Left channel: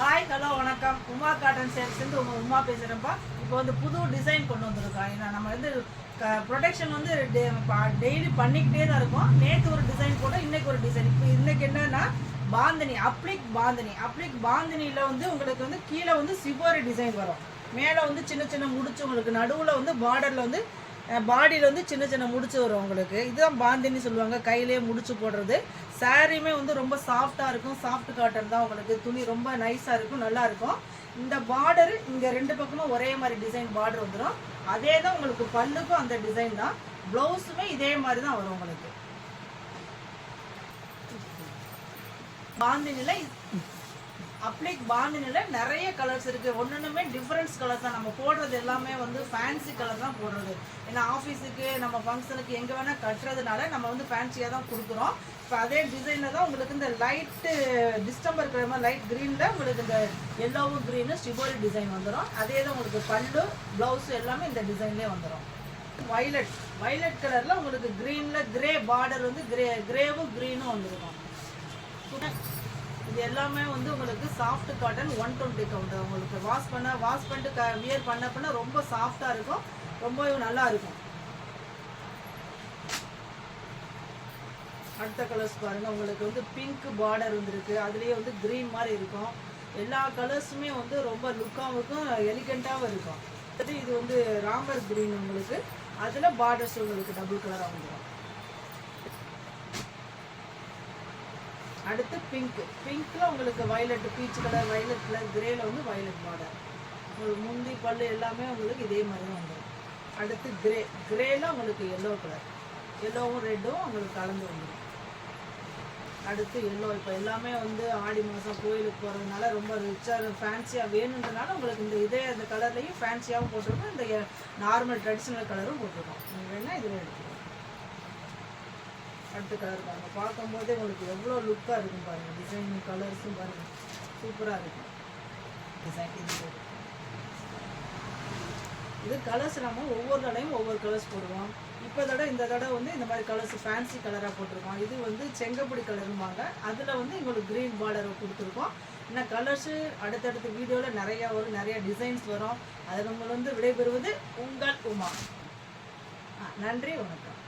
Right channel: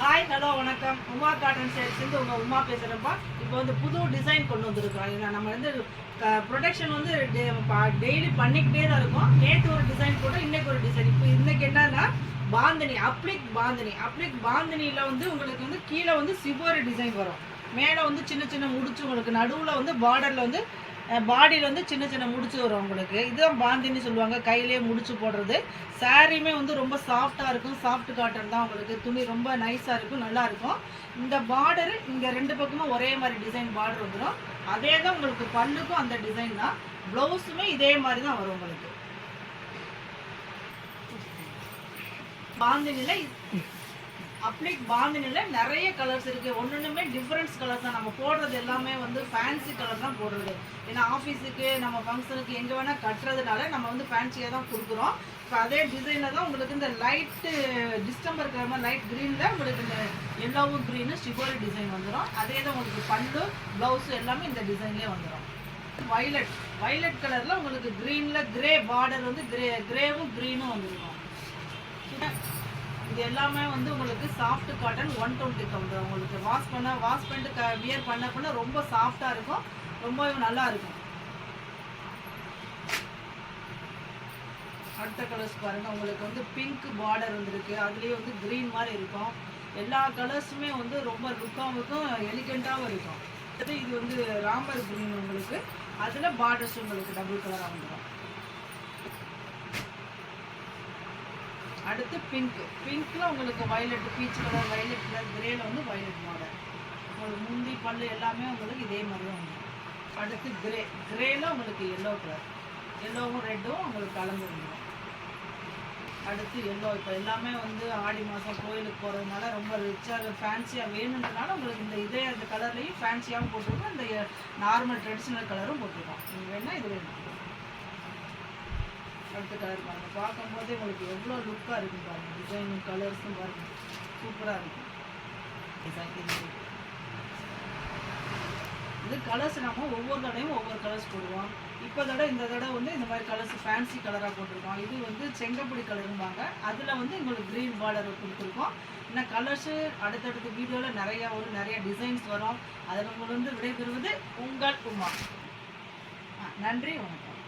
Hi hello வணக்கம். Uma cotton சேல்ஸ்லேருந்து Uma பேசுகிறேன்ப்பா. இப்போ வந்து புது டிசைன் கொண்டு வந்திருக்கோம். ஏன்னா நம்ம வந்து ப்ரொடக்ஷன் வந்து டெய்லி பண்ணிக்கிட்டே தான் இருக்கும். நேற்று ஒரு டிசைன் போட்டோம், இன்றைக்கி ஒரு டிசைன். இப்போ இன்றைக்கி என்னன்னா பாந்தினி, அப்ளிக் பாந்தினியில் வந்து உங்களுக்கு வந்து கீழே வந்து சிவரி டிசைன் வரும். மேலே வந்து சின்ன சின்ன முடிச்சு, உங்களுக்கு நடுவில் வந்து பார்டரில் வந்து பாடியில் வந்து சின்ன சின்ன முடிச்சு வரும் உங்களுக்கு. இதுதான் பாந்தினி சொல்லுவாங்க, கையிலேயே முடிச்சு போடுறது. சாரியுமே வந்து ரொம்ப சாஃப்டாக இருக்கும். சாஃப்ட் காட்டன் தான் உங்களுக்கு. துணி ரொம்ப நைஸாக இருக்கும், நல்லாயிருக்கும். இந்த பார்டரு இங்கே ரெண்டு பக்கமும் ஒரே மாதிரி டிசைன் பார்டர் வந்துடும். அதே தான் உங்களுக்கு பல்லுக்கும் அந்த டிசைன் தான். ப்ளவுஸுமே இதே மாதிரி தான் வரும் உங்களுக்கு. பாந்தினியில் அப்ளிக் பாந்தினியில் நிறைய கலர்ஸ் இருக்குது. ஒன்றுமே டிஃப்ரெண்ட்ஸ் கலர்ஸ் தான். நம்ம போடுறது எல்லாமே வந்து ஃபேன்சி கலர் தான் போடுறது. ஏன்னா ஆஃபீஸுக்கு நம்ம ஃபங்க்ஷனுக்கு எங்கே வேணால் கட்டுறதுனால நம்ம வந்து ஃபேன்சியாக தான் கொடுக்குறோம். இப்போ அதே டிசைனில் தான் உங்களுக்கு இந்த லைட்டு டிஸ்டம்பர் இருக்கிற மாதிரி லைட் க்ரீனில் உங்களுக்கு இந்த எல்லோவும் க்ரீனு ஸ்டிபோரி டிசைன் வந்துடும். அதே தான் உங்களுக்கு பல்லு ப்ளவுஸு எல்லாமே இந்த டிசைன்லேயே வந்துடும். வைலட் கலரில் உங்களுக்கு க்ரீனில் கிரே பார்டர் வந்து கிரேவும் க்ரீனும் வந்துருக்கும். இது எல்லாமே வந்து உங்களுக்கு சாஃப்ட் காட்டன் 120 கவுண்ட். உங்களுக்கு வாஷ் பண்ணிட்டு வியர் பண்ண ரொம்ப சாஃப்டாக இருக்கும், ரொம்ப நல்லா இருக்கும். அடுத்த கலர்ஸ் பாருங்கள். உங்களுக்கு வந்து பிங்க் பார்டர் வந்துருக்கு, அதுலேயே வந்து க்ரீன் மாதிரி இருக்கும். எல்லா கலர்ஸுமே வந்து ரொம்ப லுக்காகவும் இருக்கும், எலிகண்ட்டாகவும் இருக்கும். இது வந்து ராம்பர் க்ரீன் உங்களுக்கு, அதில் பார்டர்ஸ் உங்களுக்கு டபுள் கலராக வந்துடும். அடுத்து பிங்க்கில் உங்களுக்கு violet, peach colour, violet colour, கிரேல வந்து வயலட் பார்டர். முந்தி பல்லு எல்லாமே உங்களுக்கு இதே மாதிரி தான் வந்துடும். அடுத்து கிரேல உங்களுக்கு எல்லோ கலர், எல்லோவும் ரெட்டும் உங்களுக்கு கலந்து வந்துடும். அடுத்து எல்லோ. இப்போ எல்லாமே வந்து ஆடி மாதம் கோயிலுக்கு போகிறதுனால ரொம்ப ரிச்சாக ஃபேன்சியாக வேணுன்றதுனால உங்களுக்கு இந்த கலர்லேயும் ஃபேன்சியாகவும் போட்டிருக்கோம், இந்த நார்மல் ட்ரெடிஷ்னல் கலரும் போட்டிருக்கோம். நீங்கள் வேணால் இதில் எடுத்துக்கலாம். அடுத்த கலர் பாருங்கள். பார்க்கும்போதே உங்களுக்கு எவ்வளோ லுக்காக இருக்கும் பாருங்கள். டிசைனும் கலர்ஸும் பாருங்கள், சூப்பராக இருக்கும் டிசைன். இது கலர்ஸ் நம்ம ஒவ்வொரு தடையும் ஒவ்வொரு கலர்ஸ் போடுவோம். இந்த தடவை வந்து இந்த மாதிரி கலர்ஸ் ஃபேன்சி கலராக போட்டிருக்கோம். இது வந்து செங்கப்பொடி கலருவாங்க, அதில் வந்து உங்களுக்கு க்ரீன் பார்டர் கொடுத்துருக்கோம். இன்னும் கலர்ஸு அடுத்தடுத்த வீடியோவில் நிறைய டிசைன்ஸ் வரும். அதில் உங்களை வந்து விடைபெறுவது உங்கள் உமா. நன்றி, வணக்கம்.